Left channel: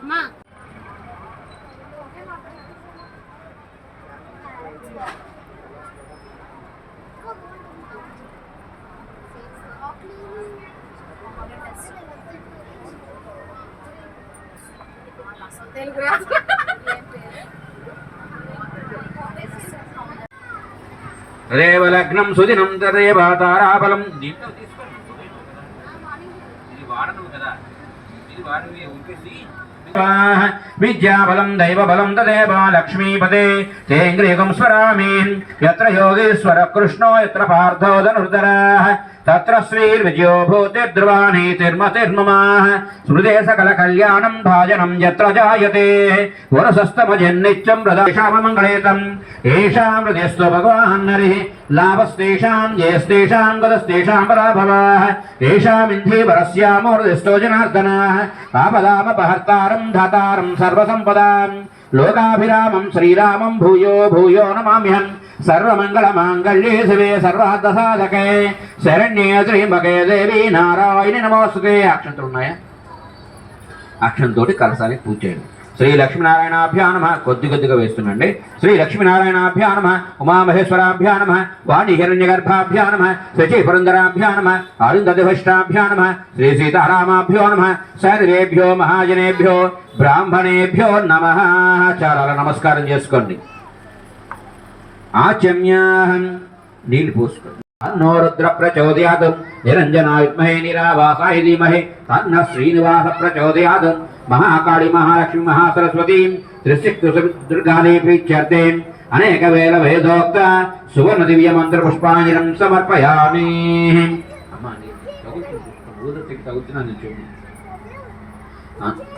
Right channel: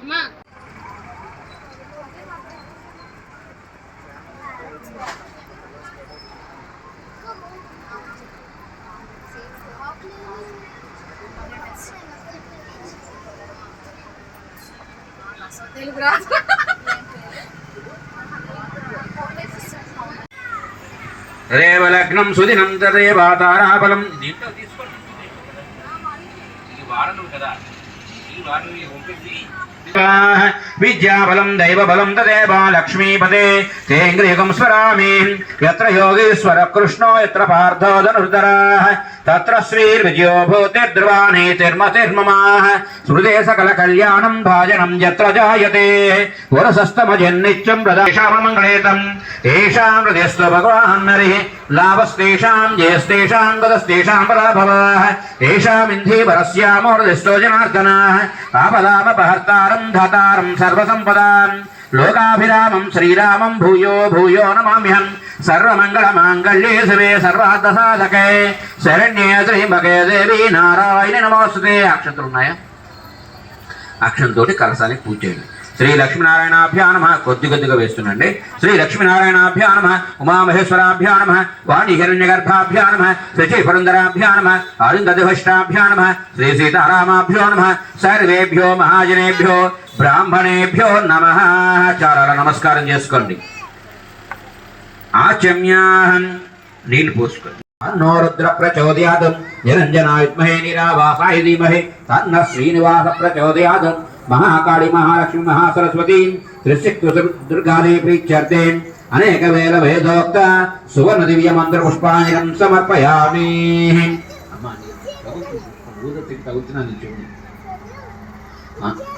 అమ్మా తెలుగు రాదు రేవలగ్నం సుదినం తదేవాతారాబలం దీంట్లో తీసుకోండి ఈ కదా. ఈ వారం ఉంటుంది. విద్యాబలం దైవబలం తదేవా లక్ష్మీపదే తేంద్రియకం స్మరామి ఎత్ర యోగేశ్వర కృష్ణో ఎత్ర పార్థో ధనుర్ధరः తత్ర శ్రీర్విజయో భూతిర్ధ్రువానీతిర్మతిర్మమ స్మృతే సకల కళ్యాణం భాజనం యత్ర జాయతే వరసస్తమజన్నిత్యం ప్రదాశామమంగళేతం ఏషాం హృదయస్వ భగవాన్ హరి లాభస్తేషాం జయస్తేషాం గతస్తేషాం గదస్తేషాం పరాభవः ఏషామింధీవరస్యామో హృదయస్థో జనార్దనः పాపలామపహర్తారం ధాతారం సర్వసంపదాం. లోకాభిరామం శ్రీరామం భూయో భూయో నమామ్యహం. సర్వమంగళమాంగళ్యే శివే సర్వార్థసాధకే. శరణ్యే శ్రీమకే దేవి నారాయణ నమోస్తుతే. అక్షంతులు ఉన్నాయా? అక్షంతో కలసాలి పూజ చేయండి. శ్రీ లక్ష్మీనారాయణాభ్యానమ కొద్ది కొద్దిగా వేస్తుండండి. శ్రీ లక్ష్మీనారాయణాభ్యానమ ఉమామహేశ్వరాభ్యానమ ఉమామహేశ్వరాభ్యా నమ. శచి పురందరాభ్యా అరుంధదిభష్టాభ్యానమ శ్రీ సీతారామాభ్యో నమ. సర్వేభ్యో మహాజనేభ్యో బ్రాహ్మణేభ్యో నమ. చాలా నమస్కారం చేసుకోండి. ఆచమ్యాహం నీళ్ళు పోసుకోండి. తన్నో రుద్ర ప్రచోదయాత్. నిరంజనాయ విద్మహే నిరావాసాయ ధీమహే తన్న శ్రీనివాస ప్రచోదయాత్. మహాకాళి మహాలక్ష్మి మహాసరస్వతి త్రిశక్తి అనేక వేల వేదోక్త సువర్ణ దివ్య మంత్ర పుష్పాంజలం సమర్పయామి అమ్మా,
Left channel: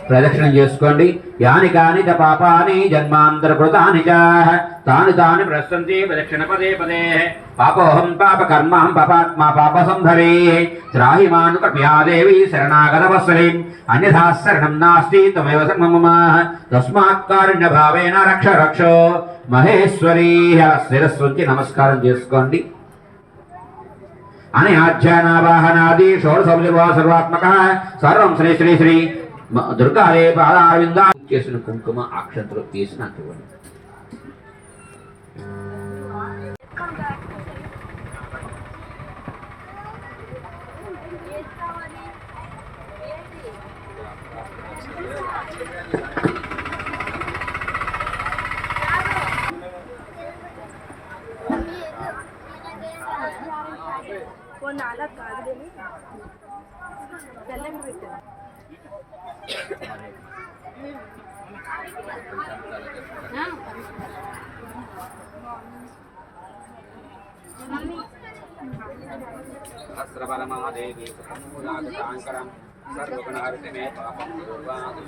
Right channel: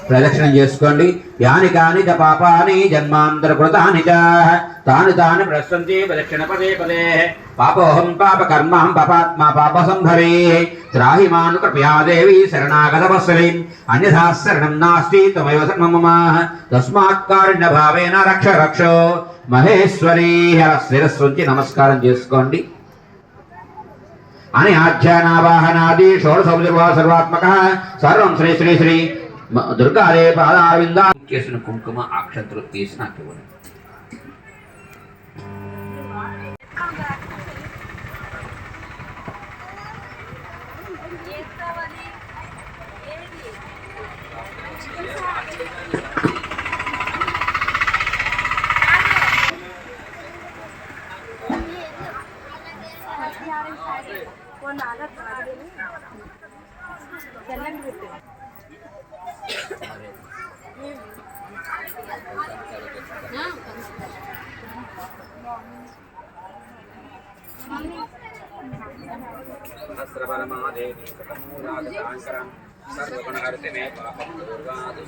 ప్రదక్షిణం చేసుకోండి. యాని కాని పాపాని జన్మాంతర కృతాని తాను తాని తాని ప్రశ్నంతి ప్రదక్షిణ పదే పదే. పాపోహం పాప కర్మహం పాపాత్మా పాప సంభవే త్రాహి మాను కృపయా శరణాగత వసలిం అన్యథా శరణం నాస్తి త్వమేవ శరణం మమ. తస్మాత్ కారుణ్య భావేన రక్ష రక్ష. మహేశ్వరీ శిరస్వంతి నమస్కారం చేసుకోండి. అని ఆధ్యానావాహనాది షోడశౌర్వా సర్వాత్మక. సర్వం శ్రీ శ్రీ శ్రీ దుర్గాదే పాదారవింద చేసిన కుంకుమ అక్షంతలు తీసి నాకు ఇవ్వండి. సహస్రపరమాదేవి సర్వగుణహరితే మే పాపం పూర్వాది